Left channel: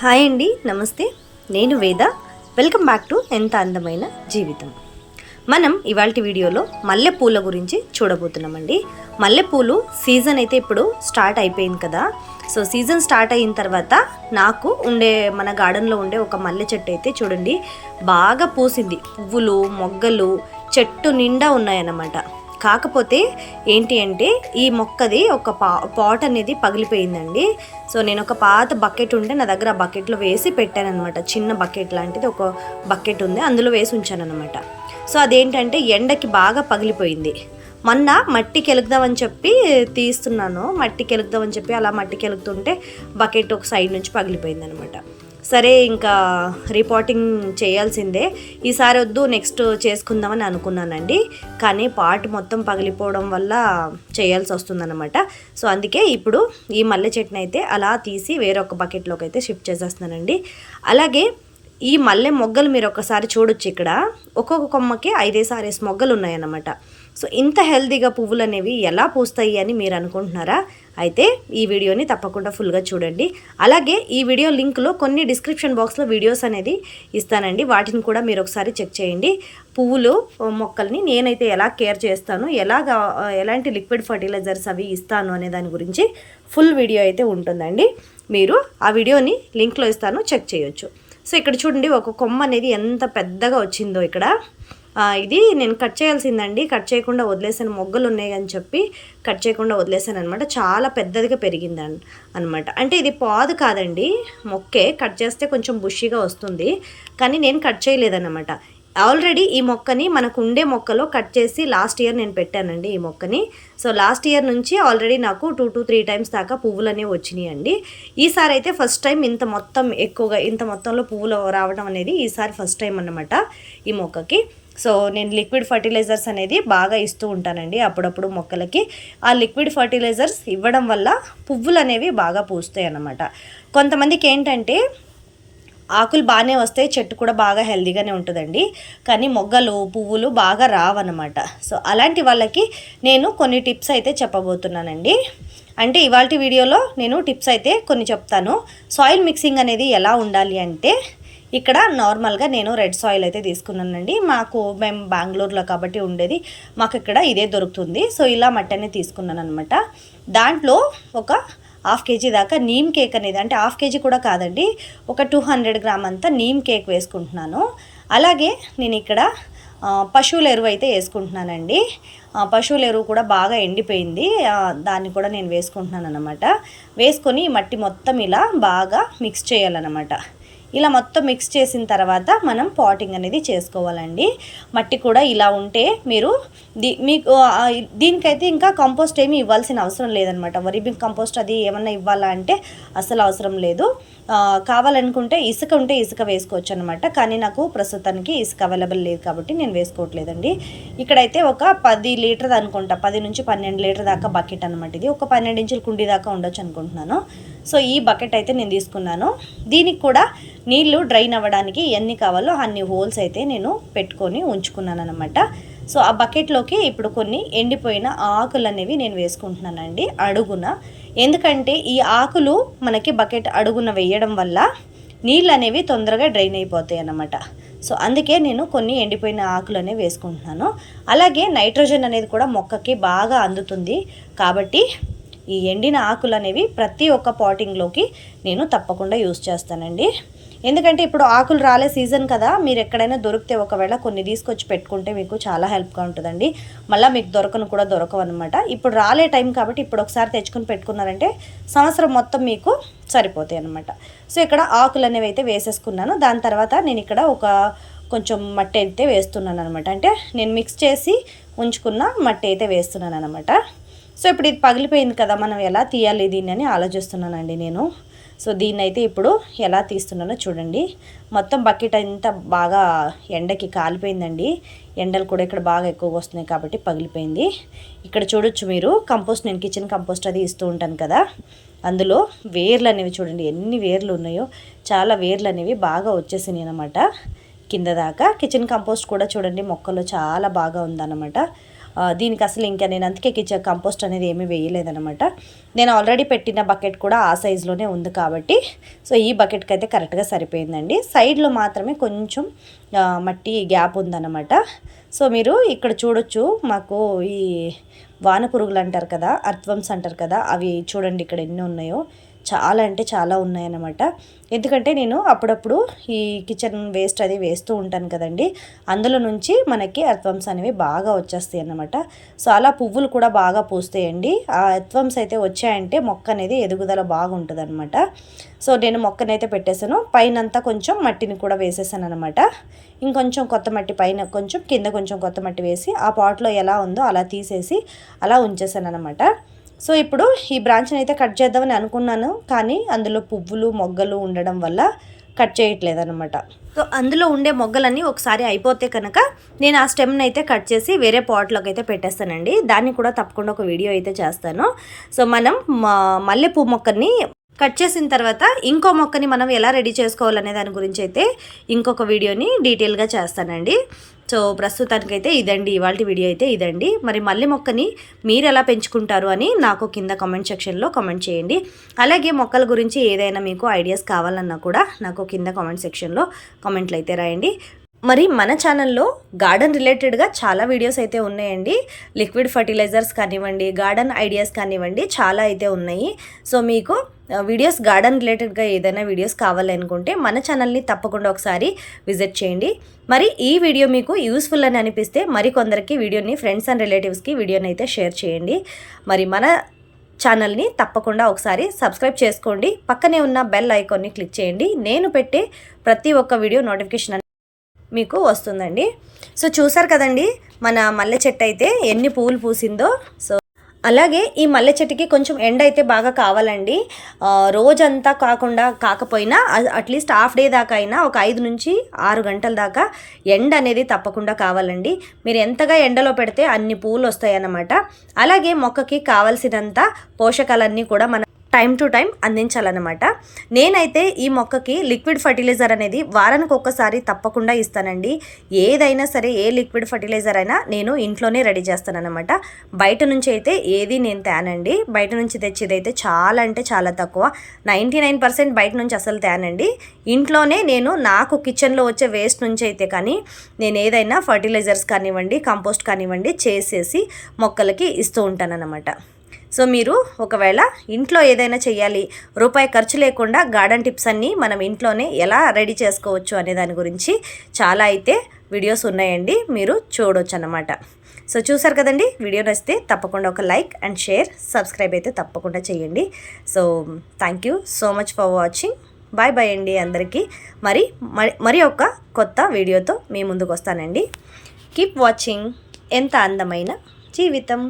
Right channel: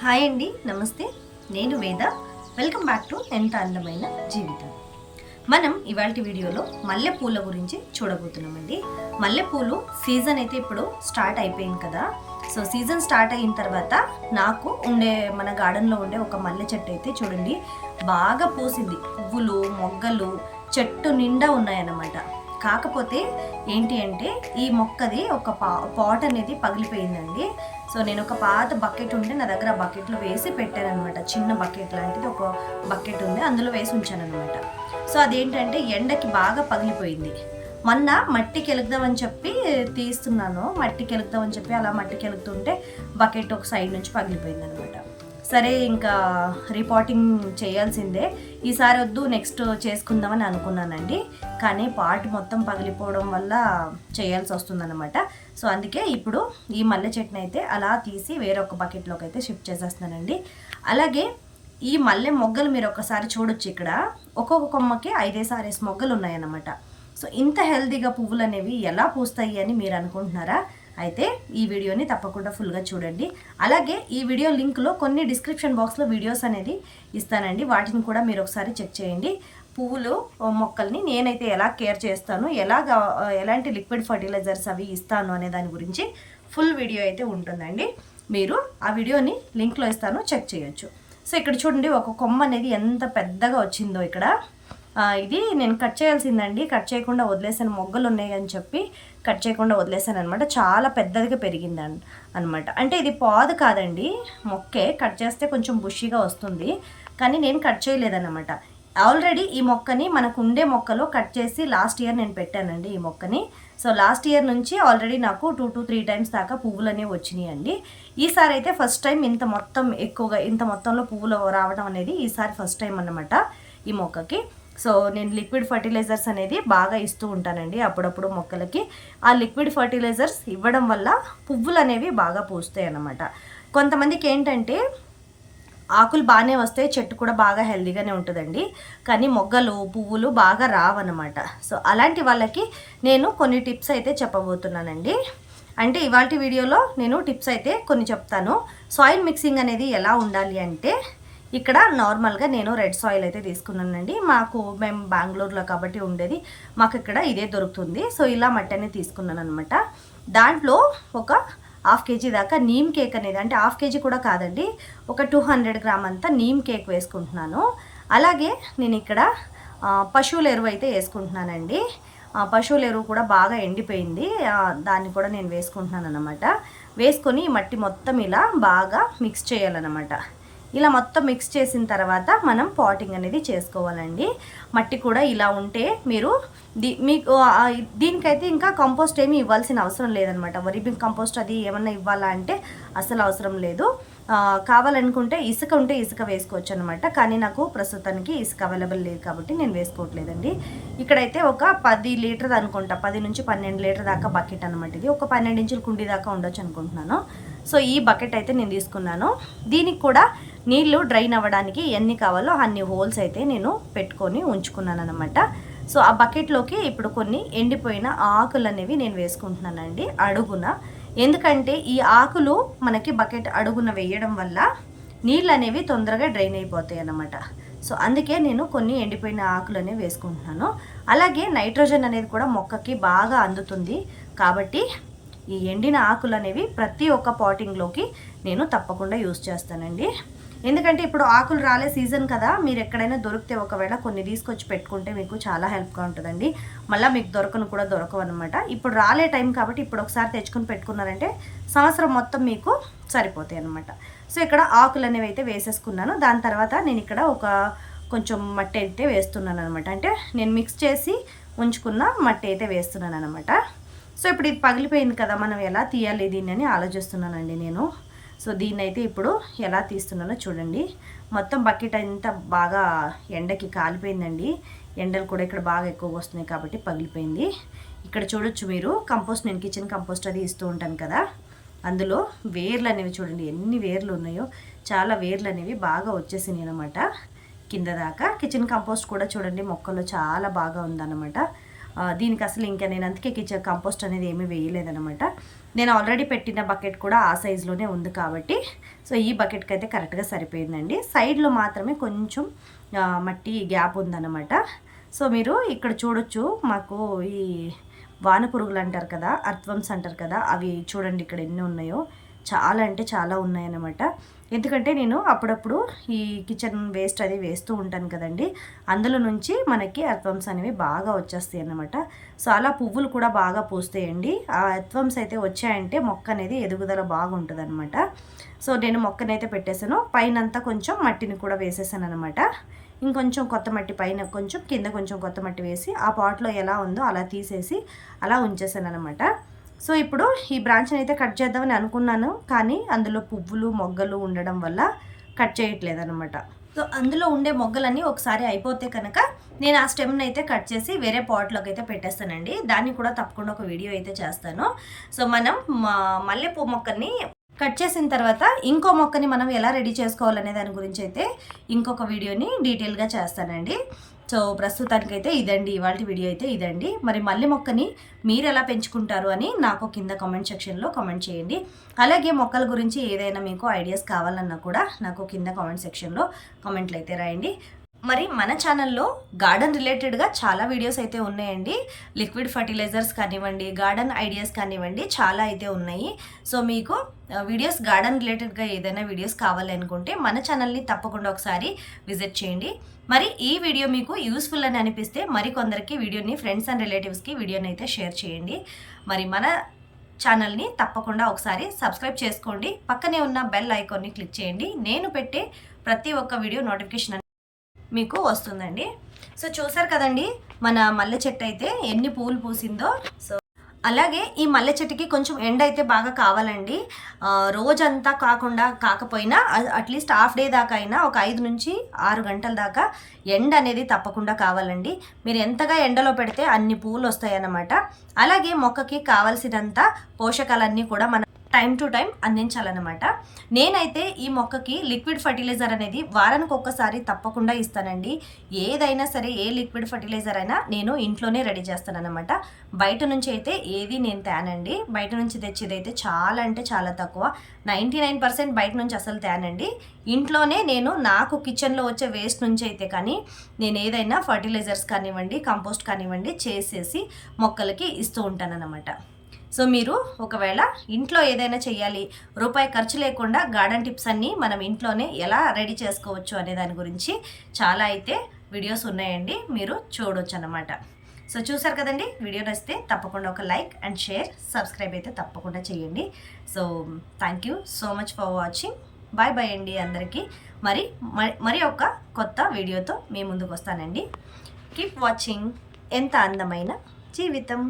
Hi అండి నమస్తే. నేను వేద. వెల్కమ్ బ్యాక్ టు ఎంత అందమైన జీవితం. మనం ఇవాళ వీడియోలో మల్లెపూల గురించి చూడబోతున్నామండి. మల్లెపూలు సీజన్ అయితే ఇప్పుడు స్టార్ట్ అయిపోయింది కదా. సో సీజన్ స్టార్ట్ అయిన తర్వాత నాకు ఉండే మన గార్డెన్లో ఉండే ఒక మల్లె చెట్టు అయితే చూడండి. బాగా పూసింది. పువ్వులు మొగ్గలు చెట్టు నిండా ఉన్నాయన్నమాట. కాకపోతే ఏంటి అంటే ఈ మొక్కది ఒక పా పాట్ అనేది పగిలిపోయిందండి. సో నేను ఒక పాత బకెట్ ఉంటే నా దగ్గర ఆ బకెట్లో వేసి పెట్టాను అనమాట చిన్న బకెట్ లాంటిది ఒక బకెట్ ఉంది అందులో వేసి ఉంచాను అనమాట సో అదేంటంటే ఎండకి బాగా పగిలిపోయింది. మొన్న మట్టి కెలుగుదామని చెప్పి తీస్తున్నాను. మట్టి కెలుగుదామని చెప్పి అలా మట్టి కెలుగుతుంటే బకెట్ ఒక సైడ్ నుంచి పగిలిపోయింది అనమాట సరే ఇంకా రిపోర్టింగ్ చేయాల్సిందే. ఈసారి వద్దు నెక్స్ట్ చేసుకుందామని అనుకున్నానండి. కానీ పార్ట్ మొత్తం పగిలిపోవడం వల్ల చేయాల్సి వస్తుందన్నమాట. సో అందుకే ఇప్పుడు ఈ మల్లె చెట్టుని అయితే అలా తీసి వేరొక బకెట్లోకి అయితే షిఫ్ట్ చేసేస్తున్నానండి. అలాగే ఈ మల్లె మొగ్గలు మీరు ఒకసారి చూడొచ్చు ఇక్కడ. ఒక్కొక్క కొమ్మకి ఐదేసారేసి మొగ్గలు ఉన్నాయన్నమాట. సో ఇంత హెల్దీగా పువ్వులు అనేవి ఎలా పూస్తాయి అని మీరు అనుకుంటున్నారా? అయితే ఈ వీడియోని తప్పకుండా ఫుల్గా చూడండి. అలాగే ఈ వీడియో లింక్లో కొన్ని డిస్క్రిప్షన్ బాక్స్లో వీడియోస్ అనేది ఇస్తానండి. వాటిని కూడా మీరు ఒకసారి చెక్ చేయండి. పువ్వులు మొక్కల్ని నేనైతే ఎలా కేర్ చేస్తాను ఎలాగా ఎలాంటి లిక్విడ్ ఫర్టిలైజర్స్ అవి ఇస్తాను అనే దాని గురించి ఫుల్ వీడియో అయితే ఉంటుందండి. మీరు ఆ వీడియోని లింక్లో ఇస్తాను చెక్ చేయొచ్చు. సో ఇక్కడ చూడండి ఒక కొమ్మ అనేది ఎంత పెద్దగా వచ్చిందో ఇక్కడ. ఇది నేను కట్ చేయాల్సిందండి. కట్ చేయకుండా వదిలేసాను. మొగ్గలు ఉన్నాయి అని చెప్పి కట్ చేయకుండా వదిలేసాను అనమాట చాలా పెద్దదిగా పెరిగింది అనమాట అంటే ఇది పాదు కాదండి. మొక్కే కట్ చేస్తే కొంచెం బుషిగా వస్తుంది. కానీ నేను కట్ చేయలేదన్నమాట. ఆల్రెడీ ఈ మొక్కని మనకు ఉండే మొక్కలో కట్ చేసి లాస్ట్ ఇయర్ నేను పెట్టానండి ఈ మొక్కని. సో లాస్ట్ ఇయర్ నుంచి ఆల్రెడీ నాకు టూ టూ త్రీ టైమ్స్ దాకా పువ్వులు అనేవి వచ్చినాయి అండి ఈసారి అయితే ఫస్ట్ టైం ఇంత మొత్తం ఎక్కువగా ఇంత మొత్తంలో పువ్వులు రావడం అనేది ఈసారి ఫస్ట్ టైం అన్నమాట ఈ మొక్కకి. సో నేను లిక్విడ్ ఫర్టిలైజర్స్ అనేది బాగా ఇస్తూ ఉంటానండి అప్పుడప్పుడు మొక్కలకి. ఆ లిక్విడ్ ఫర్టిలైజర్స్ ఇవ్వడం వల్ల పువ్వులు అనేవి బాగా పూస్తాయి అన్నమాట. కొంతమందికి ఏంటంటే ఆకులు బాగానే వస్తాయి చెట్టు కూడా బాగా హెల్దీగానే ఉంటుందండి. కానీ మొగ్గలు పువ్వులు బాగా రావన్నమాట. సో అలాంటి వాళ్ళకి నేను కొన్ని టిప్స్ అయితే చెప్పబోతున్నానండి. అంటే ఇవాళ వీడియోలో నేను టిప్స్ అయితే కొన్ని చెప్తాను. సాయిల్ మిక్సింగ్ అనేది ఎలా ఉండాలి అంటే ఇక్కడ నార్మల్గా నేను రెడ్ సాయిల్ అయితే తీసుకున్నానండి. మాకు మేము బెంగళూరులో కాబట్టి ఉండేది. మాకు ఇక్కడ ఇదే దొరుకుతుంది. సో ఇలా మట్టనే తీసుకున్నాను అనమాట దాంట్లో ఒక హాఫ్ కేజీ దాకా నీమ్ కేక్ అనేది అంటే హాఫ్ కేజీ కూడా కాదండి ఒక టూ హండ్రెడ్ గ్రామ్ అంతా నీమ్ కేక్ వేసుకుంటున్నాను. అలాగే నేను ఇక్కడ పశువుల ఎరువు అయితే వేసుకుంటున్నానండి. పశువుల ఎరువు కూడా బాగా ఎండిపోయింది. దాన్ని కూడా నేను వేసుకుంటున్నాను అనమాట వేసుకొని మట్టి మొత్తం ఇలా బాగా మిక్స్ చేయాలన్నమాట. ఇలా మొత్తం మిక్స్ చేసిన తర్వాత మనం పాటింగ్ అనేది చేసుకోవాలండి. మట్టి కూడా ఇలా ఉంటే మీరు దీ మీకు దీనికైతే ఇంకా కంపోస్ట్ ఏమి ఇవ్వాల్సిన అవసరం లేదనమాట. వరి కంపోస్ట్ అది ఏమన్నా ఇవ్వాలా అంటే అసలు అవసరం లేదు. కావాలనుకుంటే ఇసుక ఉంటే ఇసుక వేసుకోవచ్చు అనమాట కానీ నాకు ప్రస్తుతానికి ఇసుక అవైలబుల్ లేదు కాబట్టి నేను వేసుకోవట్లేదండి. ఇక్కడైతే ఒక పది లీటర్ అనుకుంటా పది నుంచి పన్నెండు లీటర్ దాకా బకెట్ అనమాట ఇది. ఒక పన్నెండు ఇంచుల కుండీ దాకా ఉండొచ్చు అనుకుంటున్నాను. సో ఈ బకెట్ అయితే నేను తీసుకున్నాను. దీనికి కూడా నీళ్ళు డ్రైన్ అవ్వడానికి ఎన్ని కావాలో అన్ని హోల్స్ అయితే నేను పెట్టుకొని ఉంచుకున్నాను అనమాట సో ఆ బకెట్లోకి ఇప్పుడు కొన్ని ఎండిపోయిన ఆకులు అనేవి నేను వేసుకుంటున్నానండి. అడుగున ఎందుకంటే ఈ ఆకులు మనకి బకెట్ అడుగున వేయడం వల్ల నీళ్ళు అనేవి తొందరగా డ్రైన్ అయిపోతాయి అన్నమాట. సో అందుకే నేను కొన్ని ఎండిపోయిన ఆకులు అనేవి వేసుకుంటున్నాను. అలాగే నైట్రోజన్ అనేది కూడా మొక్కకి బాగా అందుతుంది. కాబట్టి ఈ ఎండిన ఆకులు అనేవి ప్రతి ఒక్క పాటింగ్లోకి నేను తప్పకుండా యూస్ చేస్తానండి. ఎందుకంటే ఇప్పుడు ఆకులు రాలే సీజన్ కదా మీరు ఎక్కడైనా దొరికితే ఒకవేళ కొన్ని తీసుకొచ్చి పెట్టుకుంటే మీకు చాలా హెల్ప్గా ఉంటుందండి. మళ్ళీ మీకు దొరకను కూడా దొరకవు అనమాట ఇప్పుడు రాలే టైం కాబట్టి ఇప్పుడు ఒకసారి తెచ్చుకొని పెట్టుకున్నారంటే సంవత్సరం మొత్తం మీకు సరిపోతాయి అనమాట సో ఇక్కడ ఆకులు అనేవి అయితే వేసేసుకున్నాను. దాని తర్వాత నేను ఇక్కడ ఒక కొంచెం మట్టి అయితే వేస్తున్నాను అనమాట అంటే నేను మిక్స్ చేసి ఉంచుకున్న మట్టి అయితే వేస్తున్నాను అనమాట సో ఇప్పుడు ఇది పగిలిపోయింది కదా మనం ఎలా తీయాలి దీన్ని అని ఆలోచిస్తున్నానండి నేను. సో దీన్ని అయితే ఇప్పుడు ఎలా తీస్తున్నానో చూడండి. మొత్తం బకెట్ అంతా బాగా ఎండకి కాలిపోయిందండి. ఎండలు కూడా ఇక్కడ బాగా ఎక్కువగా వస్తున్నాయి కాబట్టి పగిలిపోయింది. ఇక్కడ చూడొచ్చు మీరు కంపోస్ట్ నేను కిచెన్ కంపోస్ట్ అది ఇస్తూ ఉంటాను కదా. అందులో వేర్లు అనేవి చూడండి ఎన్ని వేర్లు ఉన్నాయో. చాలా వేర్లు అనేవి బాగా వచ్చేసినాయి అనమాట కింద దాకా కిచెన్ కంపోస్ట్ కూడా చూడండి మొక్కలో చాలా బాగా ఉందన్నమాట. దీనికి అసలు ఇంకా నేను అందుకే కిచెన్ కంపోస్ట్ అనేది ఏమీ వేయలేదనమాట నేను ఆల్రెడీ పెట్టిన బకెట్ కూడా ఆ సైజులోనే ఉంది కాబట్టి సో ఈ బకెట్కి అయితే కరెక్ట్గా సరిపోయిందండి. సైడ్లో మాత్రమే కొంచెం మట్టి గ్యాప్ ఉందన్నమాట. సో మీరు ఇక్కడ చూడొచ్చు మాకు ఈ వాన పురుగులు అంటారు కదా అర్థ్వంస్ అంటారు కదా అవి చూడండి ఇక్కడ ఎన్ని ఉన్నాయో. చాలా అంటే చాలా ఉన్నాయన్నమాట. ఎందుకంటే నేను అప్పుడప్పుడు ఈ కిచెన్ వేస్ట్ అది వేస్తూ ఉంటాను కదండి. అందులో నుంచి మనకి అర్థవంస్ అనేవి బాగా వచ్చేస్తాయి అన్నమాట. సో అలా పువ్వులు కూడా బాగా పూస్తాయండి. ఆ అర్థవంస్ అయితే వచ్చాయంటే మొక్క అనేది ఎదుగుదల బాగుంటుంది అనమాట సో నేను మొక్కనైతే పెట్టేశాను. పైనంతా కొంచెం మట్టిని కూడా వేసేసాను అనమాట ఇంకొంచెం కొత్త మట్టి పైన కొంచెం కింద కొంచెం కొత్త మట్టి వేసి ఆ పాట్లో ఎలా ఉందో అలా తీసేసి అలా ఉంచేసాను అనమాట సో ఇప్పుడు ఈ బ్రాంచ్ని అయితే కట్ చేద్దామని అనుకున్నాను కానీ అందులో పువ్వులు మొగ్గలు ఉండడం వల్ల కట్ చేయట్లేదు అనమాట సో అందులో ఉండే మొగ్గలన్నీ ఒకసారి అయిపోతే కనుక నేను ఆ స్టెమ్ని అయితే కట్ చేసి వేరే పాట్లోకి అయితే పెట్టేస్తానండి. దాన్ని కూడా తప్పకుండా ఒక వీడియో అయితే చేస్తాను. సో మనం మ- మల్లెపూ మొక్కని కట్ చేసిన తర్వాత ఇంకో మొక్కని మనం ఎలా రెడీ చేసుకోవాలనే దాని గురించి అయితే ఇంకొక వీడియోని డీటెయిల్గా చేస్తానండి. సో ప్రస్తుతానికైతే ఇదండి. ఇవాళ వీడియో అయితే ఇదండి. మరి మల్లె మొక్కని మీరు ఎలా పెంచుకుంటారు అని నాకు కింద కామెంట్ సెక్షన్లో కామెంట్ చేయండి. అలాగే మొక్కల గురించి ఏదైనా మీకు ఐడియాస్ కావాలన్నా కూడా నాకు కింద కామెంట్ సెక్షన్లో కామెంట్లు అయితే రాయండి. మరి మన ఛానల్లో గార్డెన్ రిలేటెడ్గా చాలా వీడియోస్ అయితే ఉన్నాయండి. లిక్విడ్ ఫర్టిలైజర్స్ కానివ్వండి గార్డెన్ ఐడియాస్ కానివ్వండి చాలా అయితే ఉన్నాయి. సో మీకు వీడియోస్ గార్డెన్ రిలేటెడ్గా ఏదైనా వీడియోస్ కావాలి అనుకుంటే మన ఛానల్ని తప్పకుండా ఒకసారి విజిట్ చేయండి. మరి ఈ వీడియో మీకు యూస్ఫుల్ అని అనిపిస్తే మరి కొందరికి వీడియోని ఫ్రెండ్స్ అండ్ రిలేటివ్స్కి వీడియోని అయితే షేర్ చేయండి. మరి మన ఛానల్ని తప్పకుండా ఒకసారి సబ్స్క్రైబ్ చేసుకోండి. పక్కనే ఉన్న బెల్ ఐకాన్ని క్లిక్ చేయండి. నేను పెట్టే ప్రతి ఒక్క వీడియో నోటిఫికేషన్ మీకు వస్తుందండి. సో చూసారు కదండి మన మల్లె చెట్టు అయితే ఎన్ని పువ్వులు పూసిందో. సో అలాగే ఈ మల్లె చెట్టుకి కొంచెం ఎండ అయితే బాగా కావాలండి. రోజంతా కాకుండా కాకపోయినా అట్లీస్ట్ హాఫ్ డే దాకా అయినా ఒక ఐదు నుంచి ఆరు గంటల దాకా ఎండ అనేది తప్పకుండా కావాలండి. మీరు ఎంతగా ఎండలో పెడితే అన్ని పూలు వస్తాయన్నమాట. అలాగే మొక్కకి కావాల్సినంత పోషకాలన్నీ కూడా మన టైం టు టైం అందించాలన్నమాట. నేనైతే ఈ మొక్కకి లిక్విడ్ ఫర్టిలైజర్ అనేది వారానికి ఒక్కసారి తప్పకుండా ఇస్తానండి. ఏదైనా సరే ఏ లిక్విడ్ ఫర్టిలైజర్ అయినా నేను ఇంట్లోనే రెడీ చేస్తానన్నమాట. బయట నుంచి అయితే ఏది నేను తేనండి. బయట నుంచి తెచ్చేది అయితే చాలా అంటే చాలా తక్కువ. నైంటీ నైన్ పర్సెంట్ బయట నుంచి అసలు తేనండి. ఇంట్లోనే నేను నాకు కిచెన్లో వచ్చే వేస్ట్ నుంచి అయితే కానీ నేను ఏదైనా ఫర్టిలైజర్స్ కానివ్వండి కంపోస్ట్ కానివ్వండి చేసేసి మొక్కలకి ఇస్తూ ఉంటానన్నమాట. సో మీరు ఒకవేళ ఇంట్లో ఏదైనా చేయాలి రూపాయి ఖర్చు లేకుండా గార్డెన్ టిప్స్ అన్నీ మనం ఇంట్లోనే ఎలా రెడీ చేసుకోవచ్చు అనే దాని గురించి చాలా అయితే వీడియోస్ ఉన్నాయండి మీరు చూడొచ్చు అన్నమాట సో చూసారు కదండి వీడియో నచ్చితే తప్పకుండా ఒక లైక్ అండ్ షేర్ సబ్స్క్రైబ్ అయితే తప్పకుండా చేయండి so thank you so much for watching. Bye bye అండి అందరికీ. మరి మరి మరి ఒక కొత్త వీడియోతో మీ ముందుకు వస్తానండి. Keep watching. ఎంత అందమైన జీవితం.